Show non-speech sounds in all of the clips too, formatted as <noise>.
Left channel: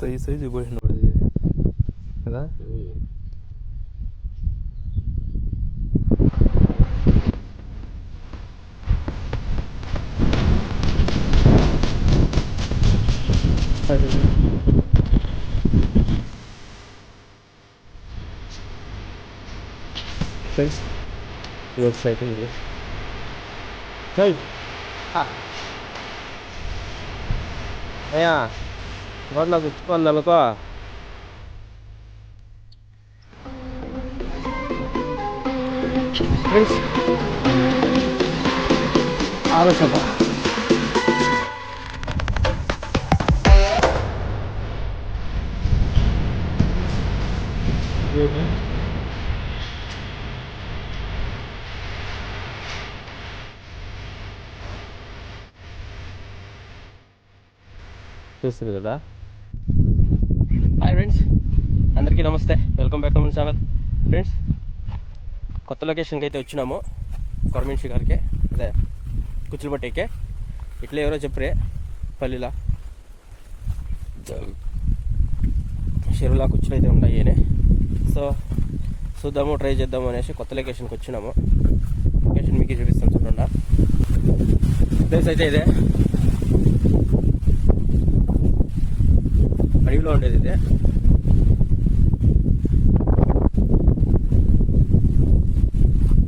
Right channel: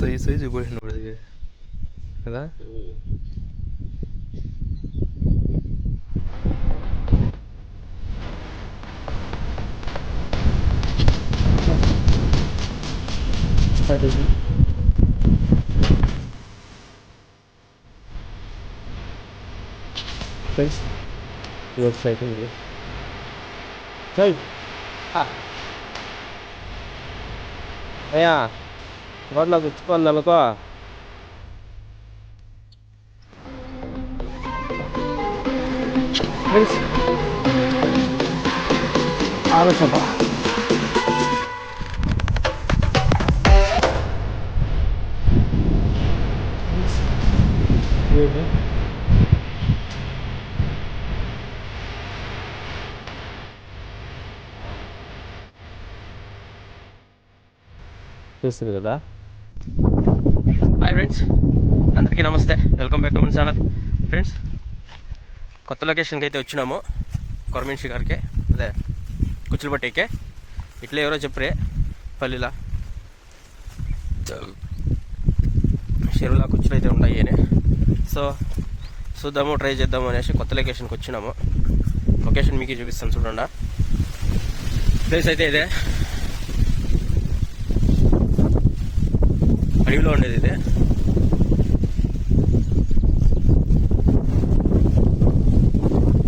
ಮಸ್ತ್ ಐದು ಸೈಜ್ ಗೋಳಿ ನೋಡಿದ್ವಿ. ಅದ looks like in hey! Ah. Yeah ఇది స్ట్రైక్ ఇది చల్ అయ్యా రోడ్లో గుచ్చుకుంది అనుకో ఫ్రెండ్స్ ఆలోచన చూస్తుంది కదా హాయ్ ఫ్రెండ్స్ అందరికీ నమస్తే. వెల్కమ్ బ్యాక్ టు మన ఛానల్ ఫ్రెండ్స్ కొత్త లొకేషన్కి అయితే వచ్చినాము. గవర్నమెంట్ షికార్కే అదే కుచ్చులపట్టికే. ఇట్లా ఎవరో చెప్పరే పల్లిలా. చెరువులా కుచ్చులు అయితే ఉన్నాయి అని సో చూద్దాము ట్రై చేద్దాము అనేసి కొత్త లొకేషన్కి వచ్చినాము. లొకేషన్ మీకు చూపిస్తాను చూడండి. ప్లేస్ అయితే ఇదే. అడవిలో ఉండేది ఇదే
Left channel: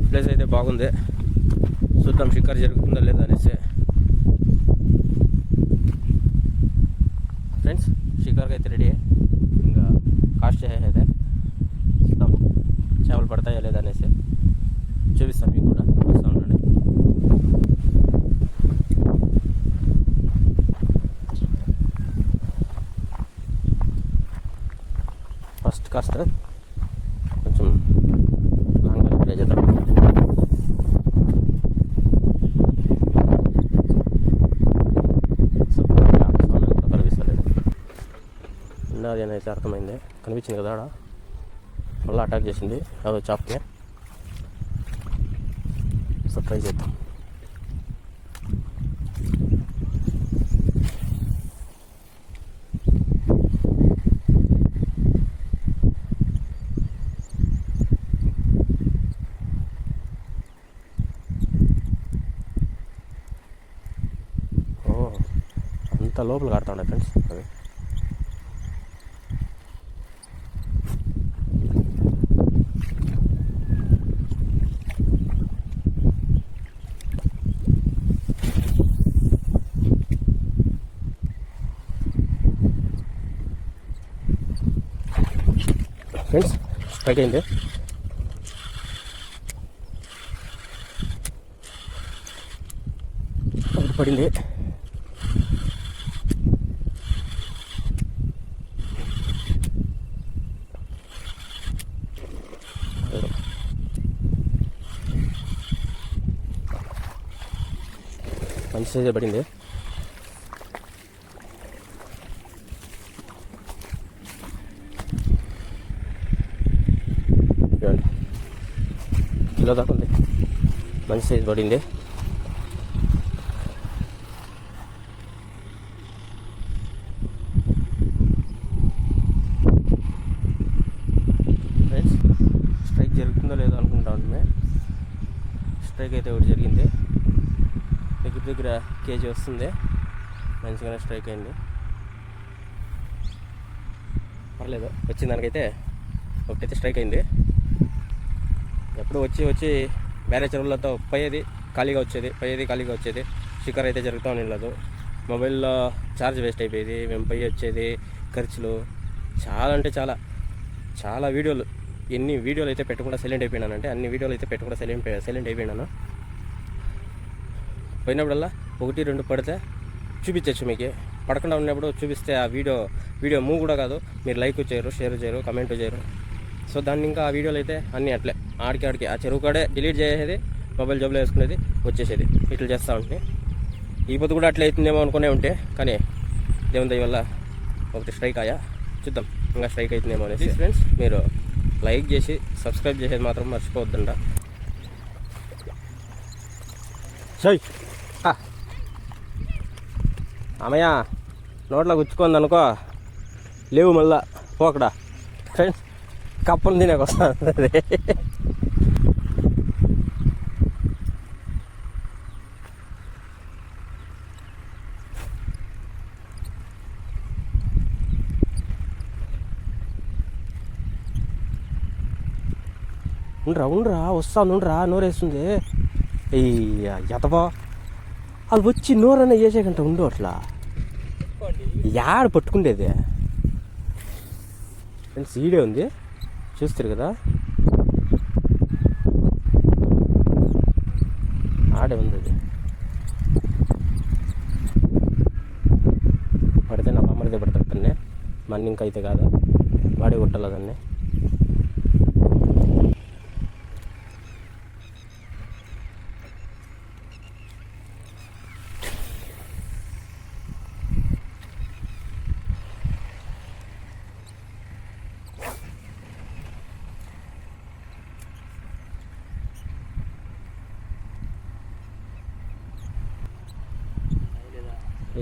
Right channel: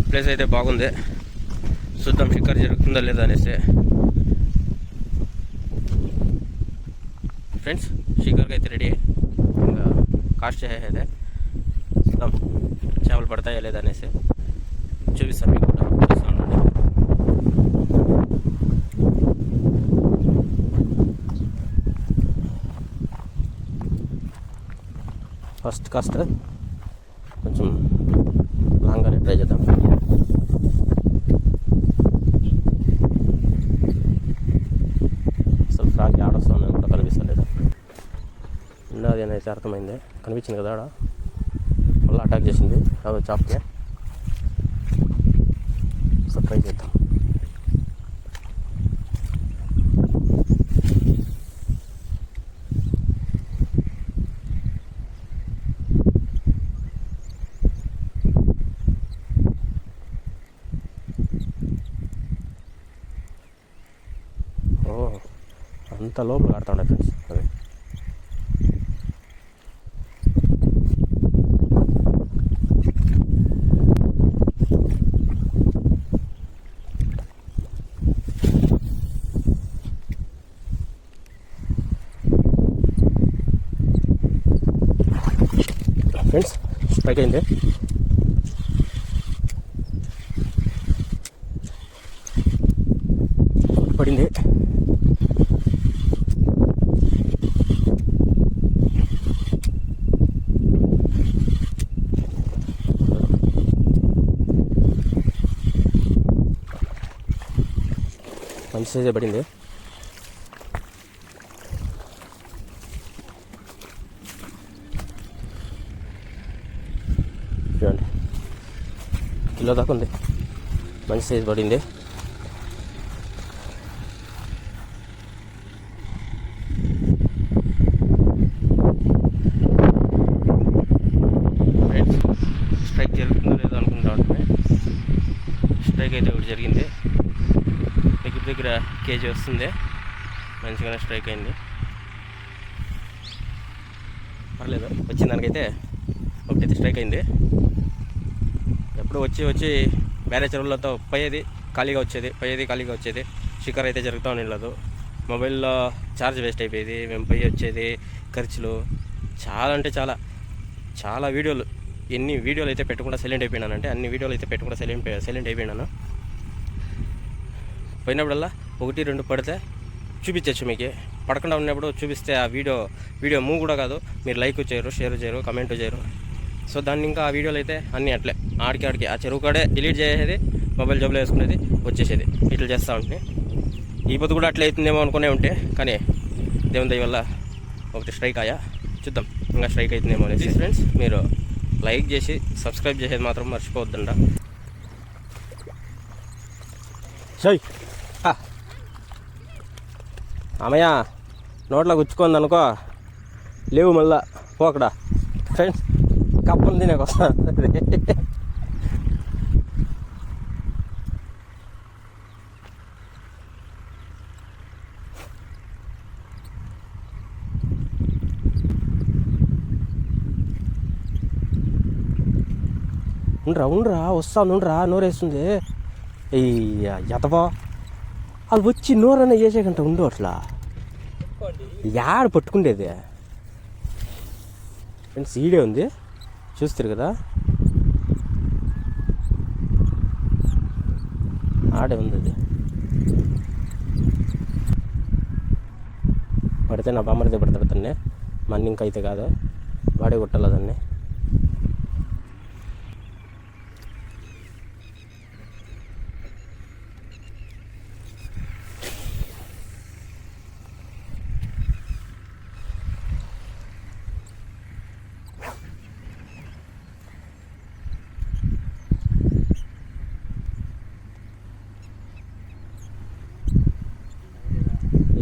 ప్లేస్ అయితే బాగుంది చూద్దాం షికారు జరుగుతుందా లేదా అనేసి ఫ్రెండ్స్ షికార్కి అయితే రెడీ ఇంకా కాస్ట్ చేసేదే చూద్దాం చేపలు పడతాయా లేదా అనేసి చూపిస్తాం మీకు కూడా చూస్తూ ఉండండి ఫస్ట్ కాస్త కొంచెం లాంగ్గా ట్రై చేద్దాం. సో ఖాళీ ఆడొస్తామని కూడా కనిపిస్తలేదు ఉన్నది అర్థమైంది. కనిపించింది కదా ఆడ? మళ్ళీ అటాక్ చేసింది. అదో చాప్కే సో ట్రై చేద్దాం. అంత లోపల కడతా ఉండే ఫ్రెండ్స్ అవి ఫ్రెండ్స్ స్ట్రైక్ అయింది? పడింది? మంచి పడింది. చూడండి. కిలో దాకా ఉంది. మంచి సైజ్ పడింది ఫ్రెండ్స్ స్ట్రైక్ జరుగుతుందో లేదో అనుకుంటా ఉంటే స్ట్రైక్ అయితే ఒకటి జరిగింది దగ్గర దగ్గర కేజీ వస్తుంది. మంచిగానే స్ట్రైక్ అయింది. పర్లేదు వచ్చిన దానికైతే ఒకటైతే స్ట్రైక్ అయింది. ఎప్పుడు వచ్చి వచ్చి వేరే చెరువులతో పోయేది ఖాళీగా వచ్చేది పోయేది ఖాళీగా వచ్చేది. షికార్ అయితే జరుగుతూ ఉండలేదు మొబైల్లో ఛార్జ్ వేస్ట్ అయిపోయేది మేము పోయి వచ్చేది ఖర్చులు. చాలా అంటే చాలా చాలా వీడియోలు. ఎన్ని వీడియోలు అయితే పెట్టకుండా సైలెంట్ అయిపోయినానంటే అన్ని వీడియోలు అయితే పెట్టకుండా సైలెంట్ సైలెంట్ అయిపోయినాను. పోయినప్పుడల్లా ఒకటి రెండు పడితే చూపించచ్చు మీకు. పడకుండా ఉన్నప్పుడు చూపిస్తే ఆ వీడియో వీడియో మూవ్ కూడా కాదు. మీరు లైక్ చేయరు షేర్ చేయరు కమెంట్ చేయరు. సో దాన్ని ఇంకా ఆ వీడియోలు అయితే అన్నీ అట్లే. ఆడికి ఆడికి. ఆ చెరువు కాడే డిలీట్ చేసేది మొబైల్ జబ్బులో వేసుకునేది వచ్చేసేది. ఇట్లా చేస్తూ ఉంటే. ఈ పొద్దు కూడా అట్లా అవుతుందేమో అనుకునే ఉంటే కానీ దేవుని దయ వల్ల ఒకటి స్ట్రైక్ ఆయా. చూద్దాం. ఇంకా స్ట్రైక్ అవుతుందేమో అనేసి. ఫ్రెండ్స్ మీరు లైక్ చేసి సబ్స్క్రైబ్ చేసేది మాత్రం మర్చిపోవద్దండ సై అమ్మయ్య నోట్లో గుచ్చుకుంది అనుకో. లేవు మళ్ళా పోకడా ఫ్రెండ్స్ కప్పలు తినేకి వస్తుంది ఉండరా ఉండరా వస్తాను ఉండరా నోరేస్తుంది. అయ్యా ఎతవా అది వచ్చి నోరన్నా చేసేకంటే ఉండు అట్లా. యాడ పట్టుకుండేది? ఫ్రెండ్స్ ఈడే ఉంది? చూస్తారు కదా? ఆడే ఉంది అది. పడితే నా బామ్మడితే పడతాడు తన్నే మన ఇంకా అయితే కాదు. వాడే కొట్టాలి దాన్ని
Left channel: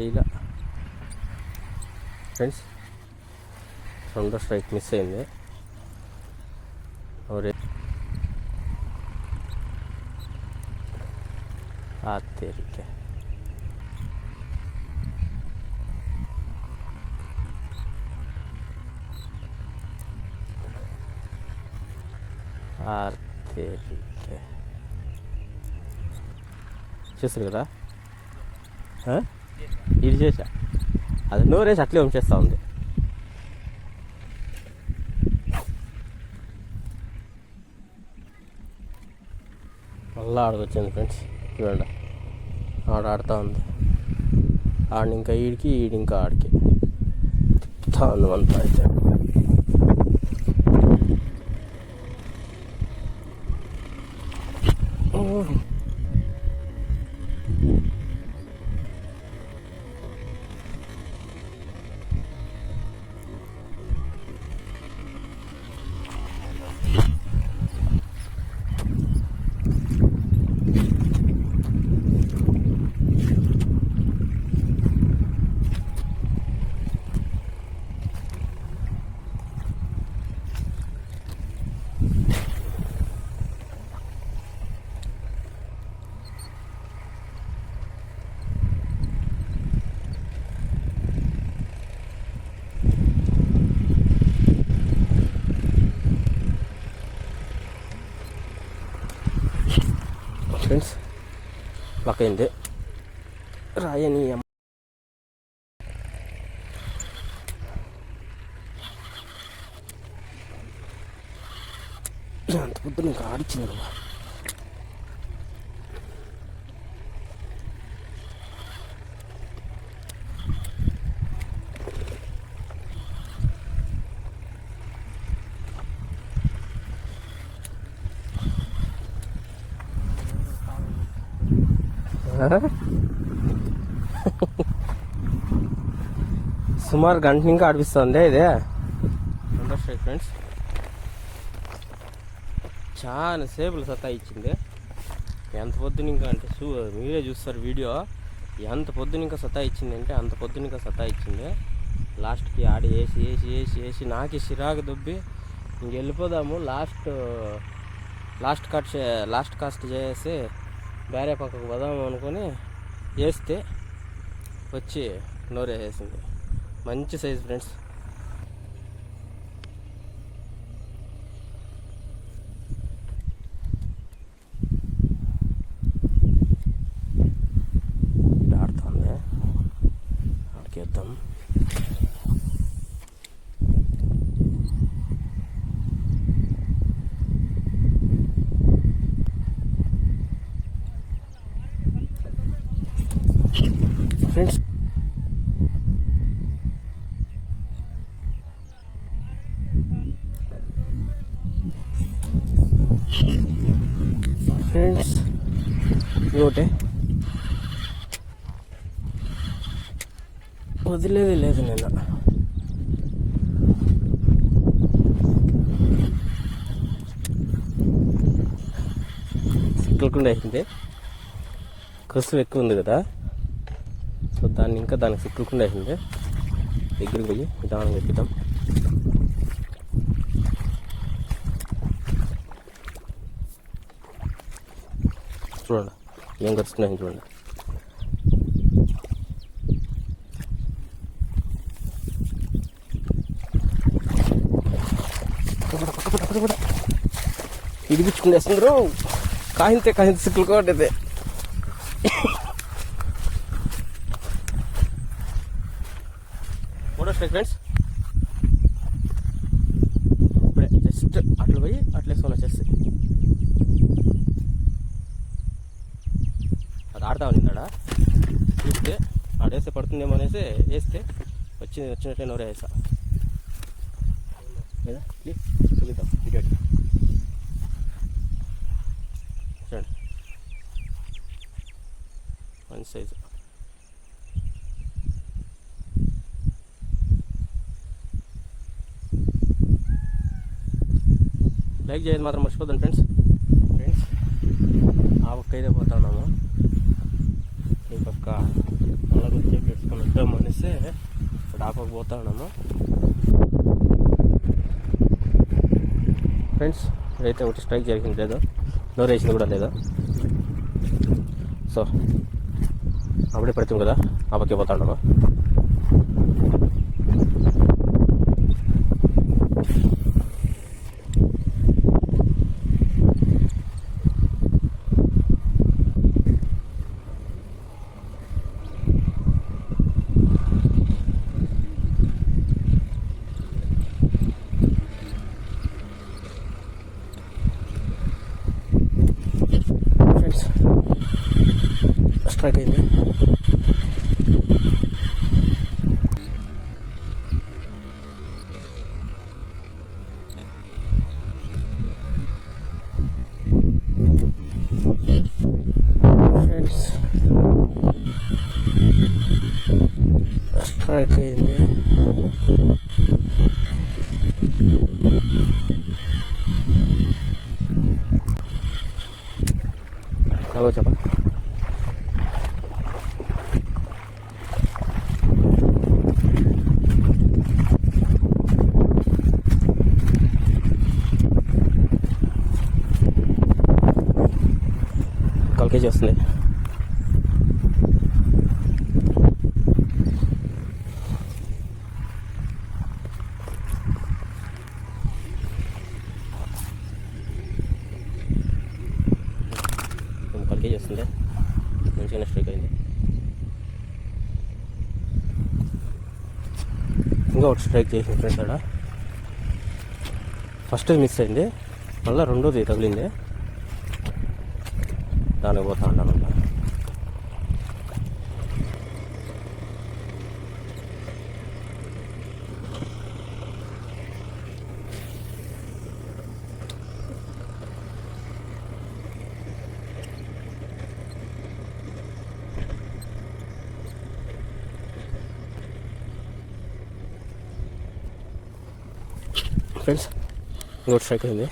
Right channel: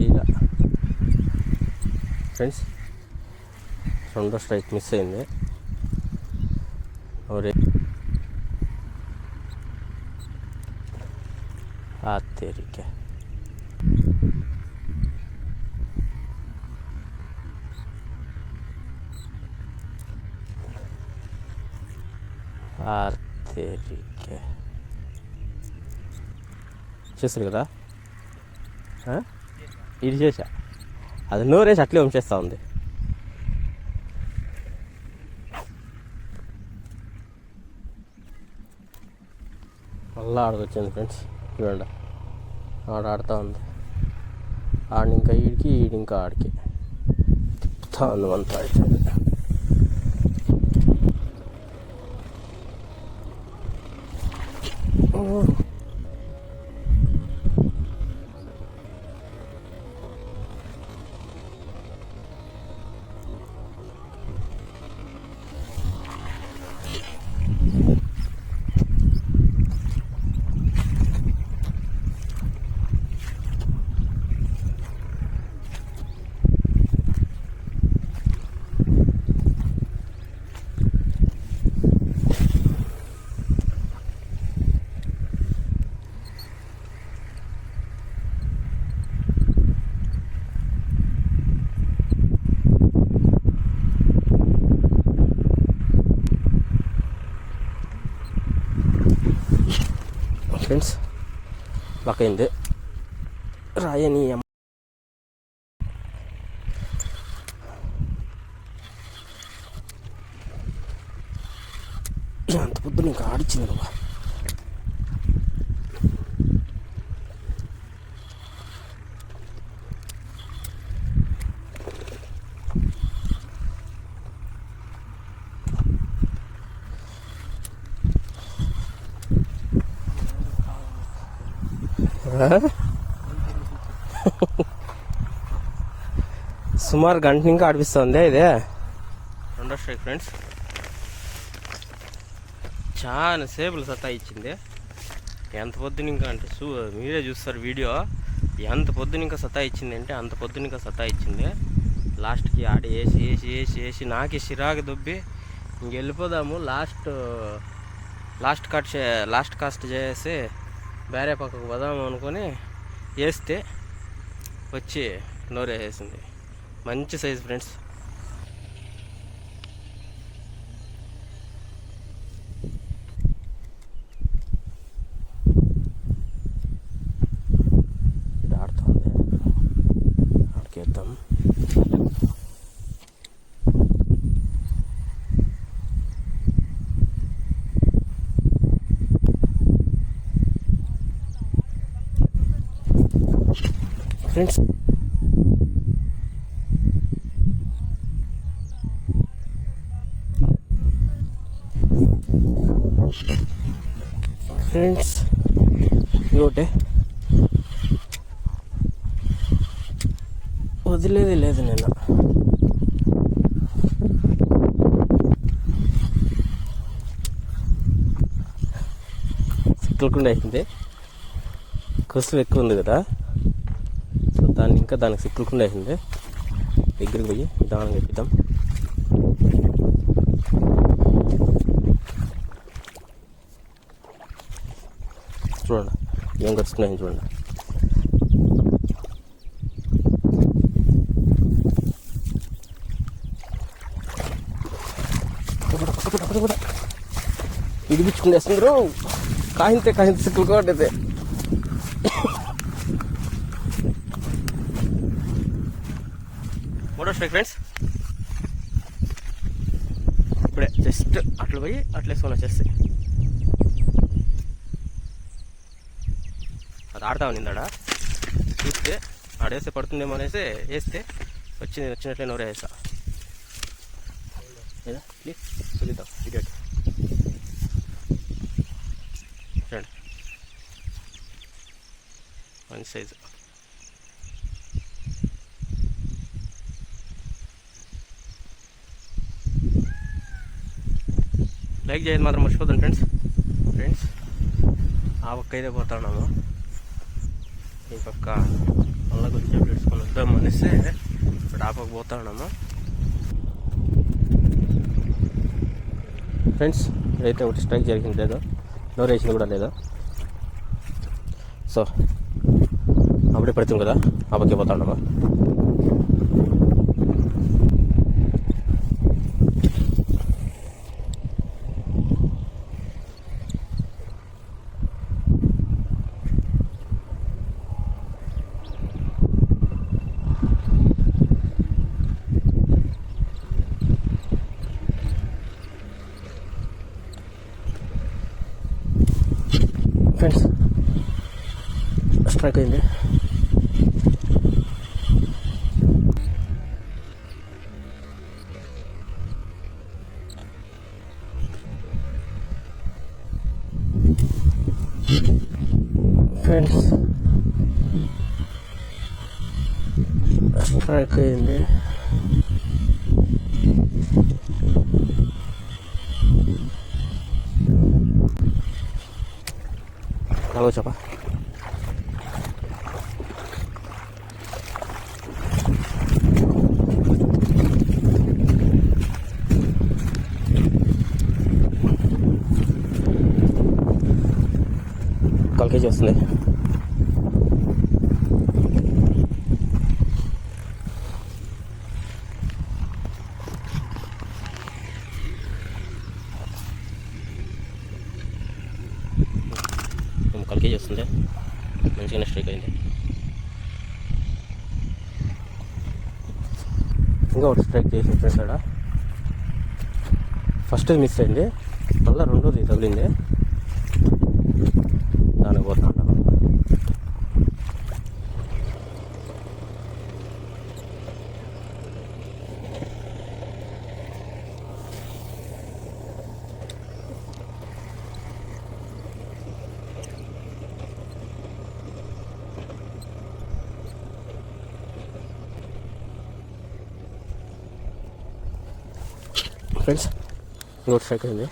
ఇక ఫ్రెండ్స్ రెండో స్ట్రైక్ మిస్ అయింది ఒరే ఆ తేరిక ఆ తేరిక చూస్తారు కదా ఆ? ఇది చేసా అది నోరేసి అట్లే ఉంచేస్తూ ఉంది. మళ్ళీ ఆడకొచ్చింది ఫ్రెండ్స్. చూడండి. ఆడ ఆడుతూ ఉంది. ఆడిని ఇంకా ఈడికి ఈడి ఇంకా ఆడికి. తిప్పుతా ఉంది అంతా అయితే. ఫ్రెండ్స్ పక్కైంది రాయని అమ్మ అంత పొద్దున ఇంకా ఆడిచ్చింది నువ్వు సుమారు గంట ఇంకా అనిపిస్తుంది ఇది రెండో ఫ్రెండ్స్ చాలా సేపులు సత్తా ఇచ్చింది. ఎంత పొద్దున ఇంకా అంటే చూ మీరే చూస్తారు వీడియో. ఎంత పొద్దున ఇంకా సత్తా ఇచ్చింది అంటే అంత పొద్దున ఇంకా సత్తా ఇచ్చింది. లాస్ట్కి ఆడి వేసి వేసి వేసి వేసి నాకే చిరాకు దుబ్బి ఇంక వెళ్ళిపోదాము. లాస్ట్ లాస్ట్ కట్ చే లాస్ట్ కాస్ట్ చేసి వేరే పక్కకు పోదాము అనుకొని వేస్తే వచ్చి నోరేసేసింది. మంచి సైజ్ ఫ్రెండ్స్ ఇది ఆడుతుంది. ఆడికేద్దాం. Friends friends. ఇంకోటి వదిలేది లేదు నేను సిక్కులకుండా అయింది కసులు ఎక్కువ ఉంది కదా. సో దాన్ని ఇంకా దానికి సిక్కులకుండా అయింది దగ్గరికి పోయి నిదానంగా చెప్తాం చూడండి. ఏం కరుస్తున్నాయని చూడండి. ఇది పిచ్చుకునేస్తుంది కాహింత కాయింతే కాయింత సిక్కులు కొట్టేది. మూడో స్ట్రైక్ ఫ్రెండ్స్ ఇప్పుడే జస్ట్ అట్లా పోయి అట్లా వేసుకొని వచ్చేస్తాయి అది ఆడతా ఉన్నిందాడ చూస్తే ఆడేస్తే పడుతుందేమో అనేసి వేస్తే వచ్చింది వచ్చినట్లే నోరే వేసా లేదా? ప్లీజ్ చూపిద్దాం. వీడియో చూడండి. మంచి సైజు. లైక్ చేయదు మాత్రం మర్చిపోతాను ఫ్రెండ్స్. ఫ్రెండ్స్ ఆ పక్క అయితే పోతా ఉన్నాము. ఈ పక్క మళ్ళీ కొంచెం పెట్టుకొని వద్దాం అనేసి ఇప్పుడు ఆ పక్క పోతా ఫ్రెండ్స్ ఇప్పుడైతే ఒకటి స్ట్రైక్ జరిగింది లేదు? నోరు వేసింది కూడా లేదు? సో అప్పుడే పడుతుంది కదా? ఆ పక్క పోతా ఉన్నాము ఫ్రెండ్స్ స్ట్రైక్ అయింది ఫ్రెండ్స్ స్ట్రైక్ అయింది హలో చెప్పా కాల్ కేజీ వస్తుంది కాల్ కేజీ మంచిగానే స్ట్రైక్ అయింది. ఇంకా ఒకటి స్ట్రైక్ చేసిన ఫ్రెండ్స్ అక్కడ ఫస్ట్ మిస్ అయింది. మళ్ళీ రెండోది తగిలింది. దానికి పోతా ఉంటాను ఫ్రెండ్స్ రోడ్ సైకిల్ ఉంది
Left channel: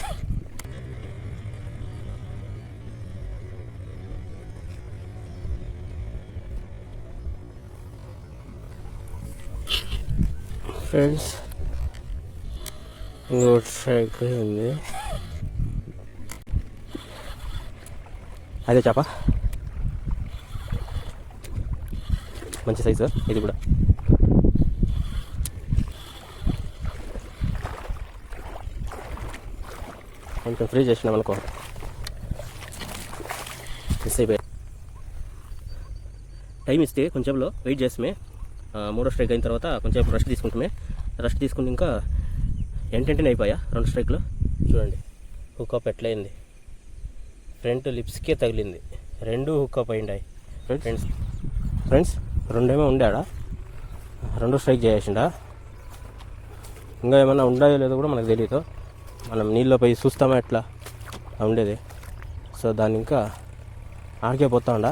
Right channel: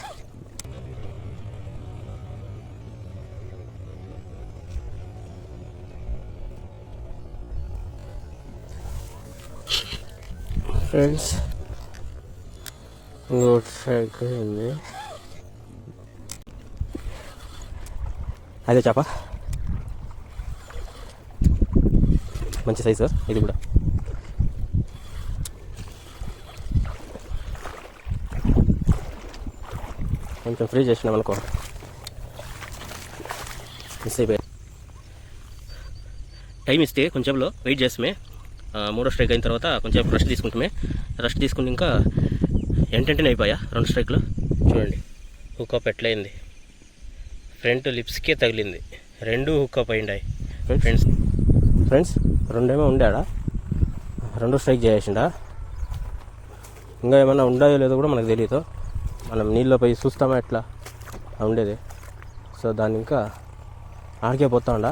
ఫ్రెండ్స్. రోడ్ సైకిల్ ఉంది అదే చేప. మంచి సైజు ఇది కూడా. కొంచెం ఫ్రీ చేసినాం అనుకో. మిస్ అయిపోయి. టైం ఇస్తే కొంచెంలో వెయిట్ చేసమే మూడో స్ట్రైక్ అయిన తర్వాత కొంచెం రెస్ట్ తీసుకుంటామే రెస్ట్ తీసుకుని ఇంకా ఎంటెంటనే అయిపోయా రెండు స్ట్రైక్లు? చూడండి హుక్అప్ ఎట్లయింది. ఫ్రంట్ లిప్స్కే తగిలింది. రెండు హుక్అప్ అయిండాయి ఫ్రెండ్స్ ఫ్రెండ్స్ రెండేమో ఉండాడా? రెండు స్ట్రైక్ చేసిండా? ఇంకా ఏమైనా ఉండాయో లేదో కూడా మనకు తెలియదు మనం నీళ్ళలో పోయి చూస్తామా ఎట్లా? ఉండేది. సో దాన్ని ఇంకా ఆడికే పోతా ఉండా.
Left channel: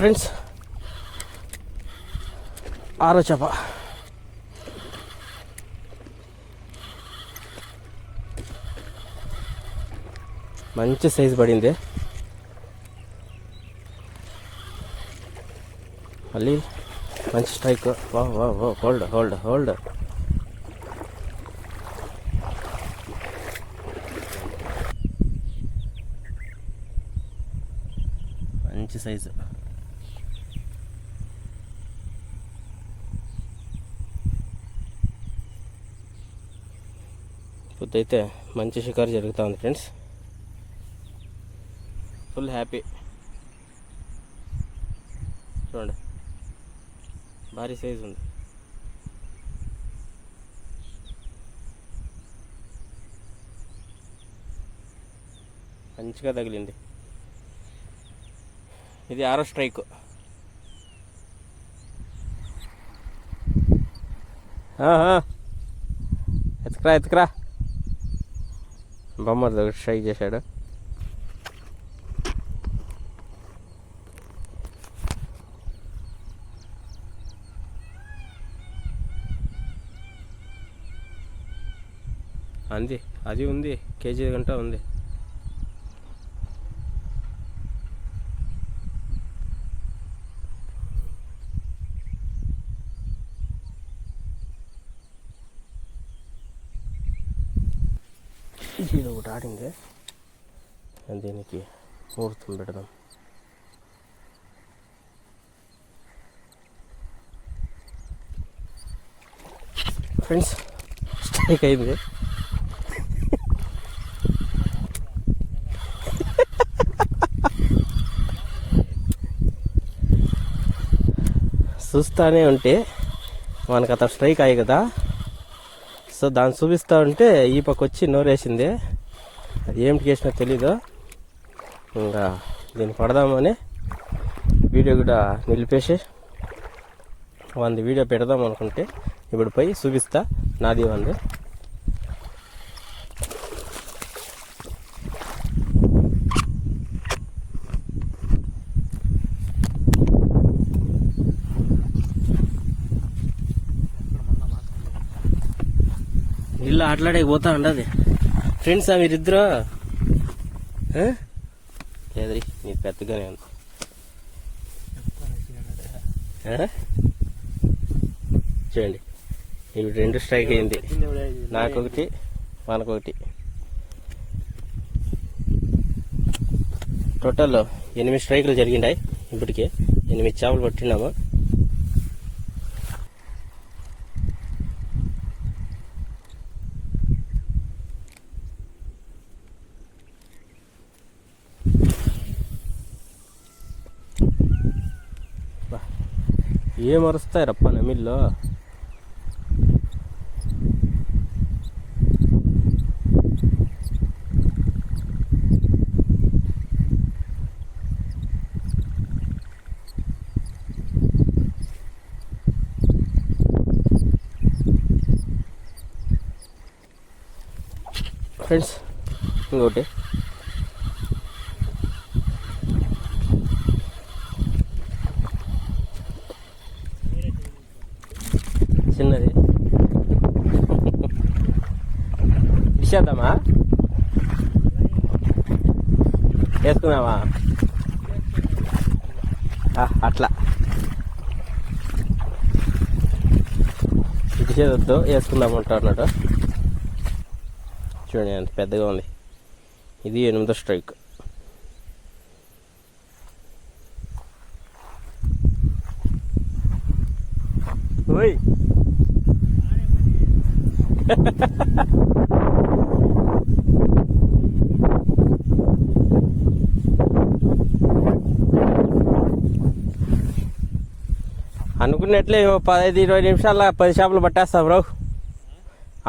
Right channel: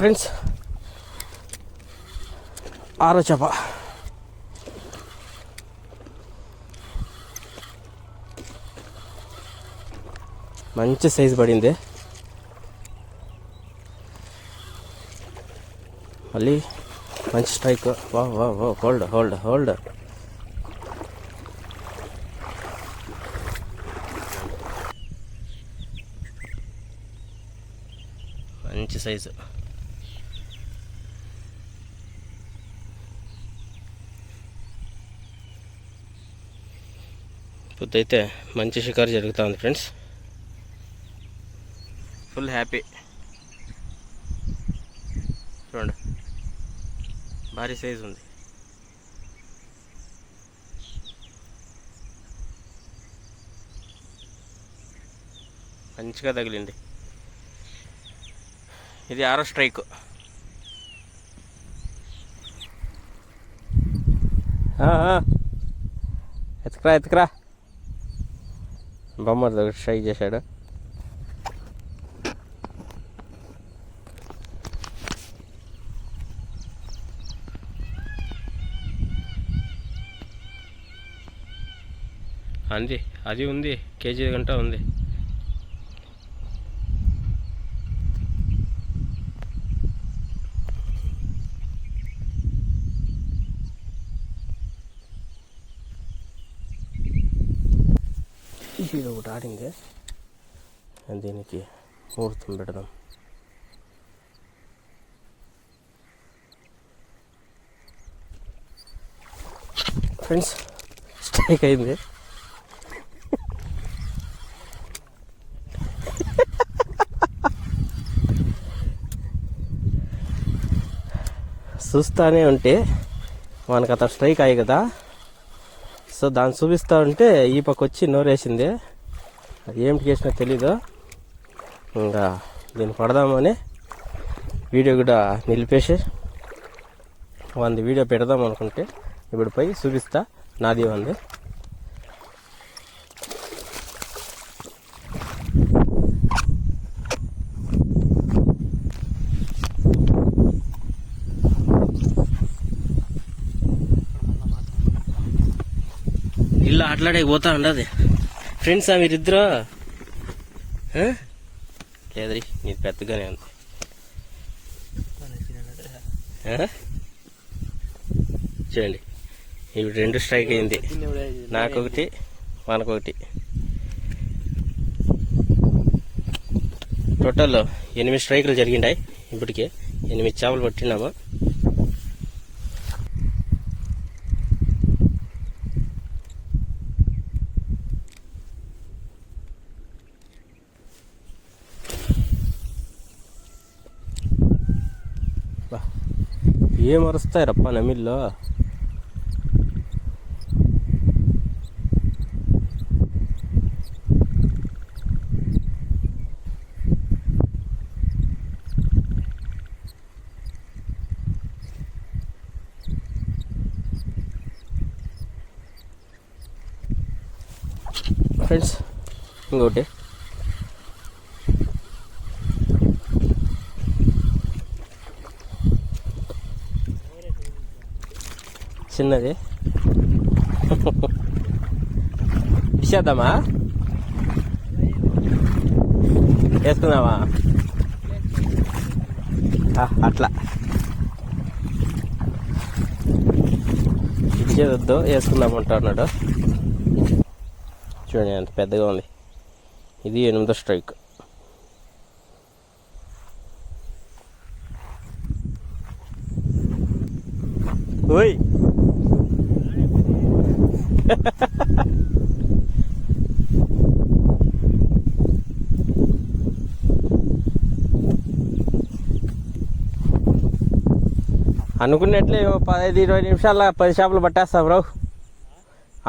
ఫ్రెండ్స్ ఆరో చేప. మంచి సైజు పడింది. మళ్ళీ మంచి స్ట్రైక్. వా వా వా హోల్డ్ హోల్డ్ హోల్డ్. మంచి సైజు. అయితే మంచి షికారు జరుగుతూ ఉంది ఫ్రెండ్స్. ఫుల్ హ్యాపీ చూడండి. భారీ సైజు ఉంది. మంచిగా తగిలింది. ఇది ఆరో స్ట్రైక్ ఎత్తుకురా ఎత్తుకురా. బొమ్మ స్ట్రైక్ చేశాడు. అంది అది ఉంది కేజీ గంట ఉంది. ఇది ఒకటి ఆడింది. దీనికి ముహూర్తం పెడదాం. ఫ్రెండ్స్ స్ట్రైక్ అయింది. చూస్తానే ఉంటే మనకు అతను స్ట్రైక్ అయ్యి కదా. సో దాన్ని చూపిస్తూ ఉంటే ఈ పక్క వచ్చి నోరేసింది. ఏమిటి చేసినా తెలీదు. ఇంకా దీన్ని పడదామని వీడియో కూడా నిలిపేసి వంద వీడియో పెడదాం అనుకుంటే ఇప్పుడు పోయి చూపిస్తా. నాది వంది. ఇల్లు ఆటలాడే పోతా ఉండదు. ఫ్రెండ్స్ మీరిద్దరు? లేదరి నీది పెద్దగానే ఉంది? చూడండి ఇవి రెండు స్ట్రైక్ అయింది. నాకొకటి మనకొకటి. టోటల్ ఎనిమిది స్ట్రైకులు జరిగిండాయి ఇప్పటికే. ఎనిమిది చేపలు పట్టినాము. ఏం అరుస్తాయి రప్ప నమిల్లో ఫ్రెండ్స్ ఇంకోటి చిన్నది. ఇచ్చేద్దామా వేసుకుందామా? అట్లా. ఇచ్చేదొద్దు వేసుకుందామంటా అన్నాడు చూడండి అంత పెద్దగా ఉంది. ఇది ఎనిమిదో స్ట్రైక్. ఓయ్! <laughs> అనుకున్నట్లే పదహైదు ఇరవై నిమిషాల పది చేపలు పట్టేస్తాం రావు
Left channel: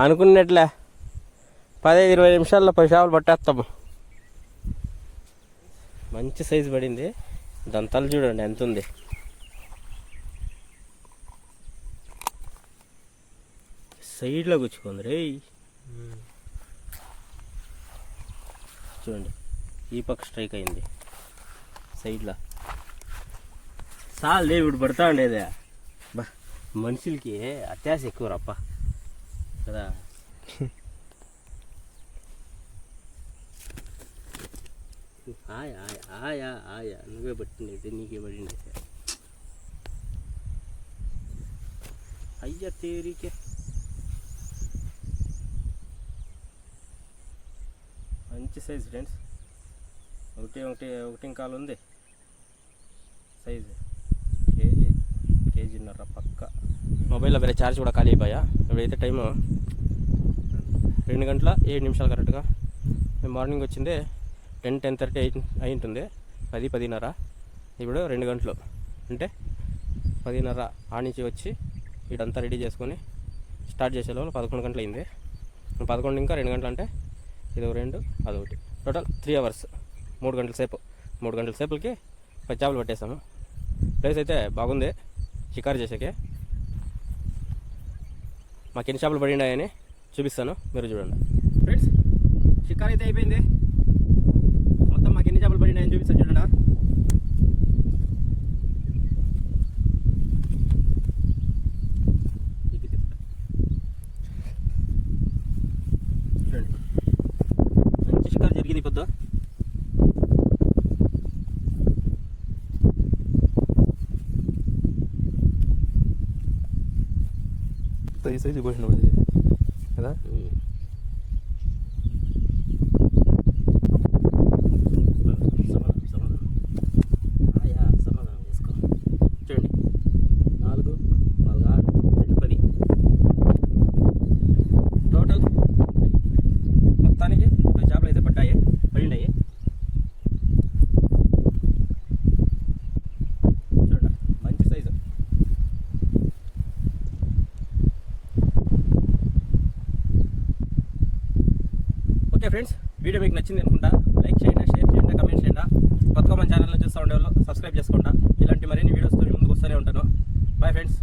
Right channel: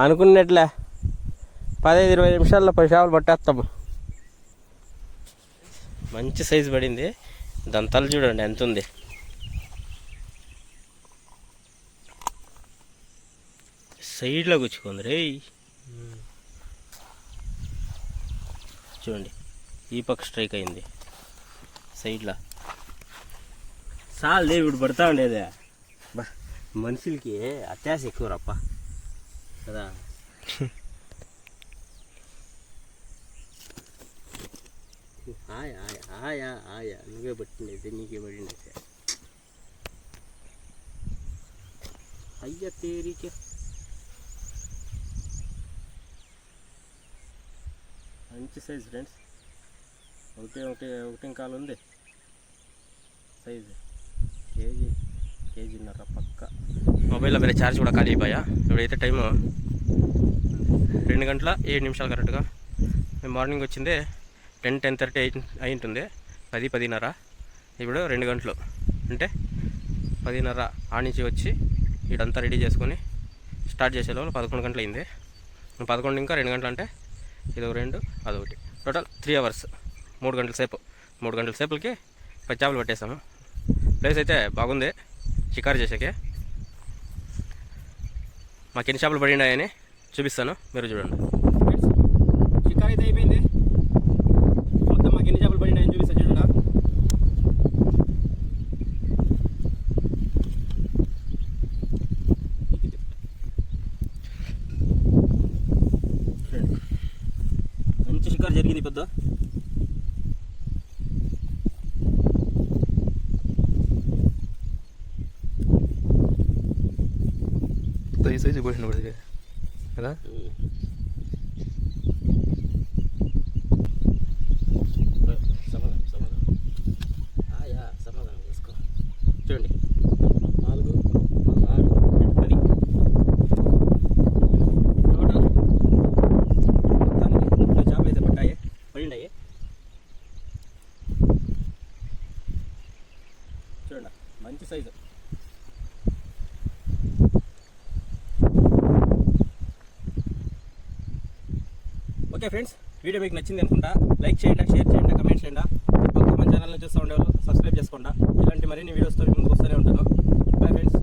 అనుకున్నట్లే. పదహైదు ఇరవై నిమిషాల్లో పది చేపలు పట్టేస్తాము మంచి సైజు పడింది. దాని తల చూడండి ఎంత ఉంది. సైడ్లో గుచ్చుకుంది రే చూడండి ఈ పక్క స్ట్రైక్ అయింది. సైడ్లో. చాలు దేవుడు పడతా ఉండేదే. బా మనుషులకి అత్యాశ ఎక్కువ రప్ప కదా. ఆయా ఆయా ఆయా ఆయా నువ్వే పట్టిండేది నీకే పడిండేది అయ్యా తేరికే. మంచి సైజ్ ఫ్రెండ్స్. ఒకటి ఒకటి ఒకటి ఇంకా ఉంది. సైజు. కేజీ కేజీన్నర పక్క. మొబైల్లో వేరే ఛార్జ్ కూడా ఖాళీ అయిపోయా? ఇప్పుడైతే టైము రెండు గంటల ఏడు నిమిషాలు కరెక్ట్గా. మేము మార్నింగ్ వచ్చింది టెన్ టెన్ థర్టీ అయి అయి ఉంటుంది. పది పదిన్నర. ఇప్పుడు రెండు గంటలు. అంటే పదిన్నర ఆ నుంచి వచ్చి ఇడంతా రెడీ చేసుకొని స్టార్ట్ చేసే లోపల పదకొండు గంటలు అయింది పదకొండు ఇంకా రెండు గంటలు అంటే ఇది ఒక రెండు అదొకటి. టోటల్ త్రీ అవర్స్ మూడు గంటల సేపు. మూడు గంటల సేపులకి పది చేపలు పట్టేసాము ప్లేస్ అయితే బాగుంది. షికారు చేసాకే మాకు ఎన్ని చేపలు పడినాయని చూపిస్తాను. మీరు చూడండి. ఫ్రెండ్స్ షికారు అయితే అయిపోయింది. మొత్తం మాకు ఎన్ని చేపలు పడినాయని చూపిస్తాను చూడండి మంచి షికారు జరిగింది పెద్ద ఈ సైజు పోసిన పడింది కదా సమాధానం సమాధానం ఆయా సమాధానం చేసుకో చూడండి నాలుగు నాలుగు ఆరు రెండు పది టోటల్ మొత్తానికి పది చేపలు అయితే పట్టాయి పడిండాయి చూడండి మంచి సైజు ఓకే ఫ్రెండ్స్ వీడియో మీకు నచ్చింది అనుకుంటా లైక్ చేయండి షేర్ చేయండి కమెంట్ చేయండి. పక్క మన ఛానల్లో చూస్తూ ఉండేవాళ్ళు సబ్స్క్రైబ్ చేసుకోండి. ఇలాంటి మరిన్ని వీడియోస్తో ముందుకు వస్తూనే ఉంటాను. Bye friends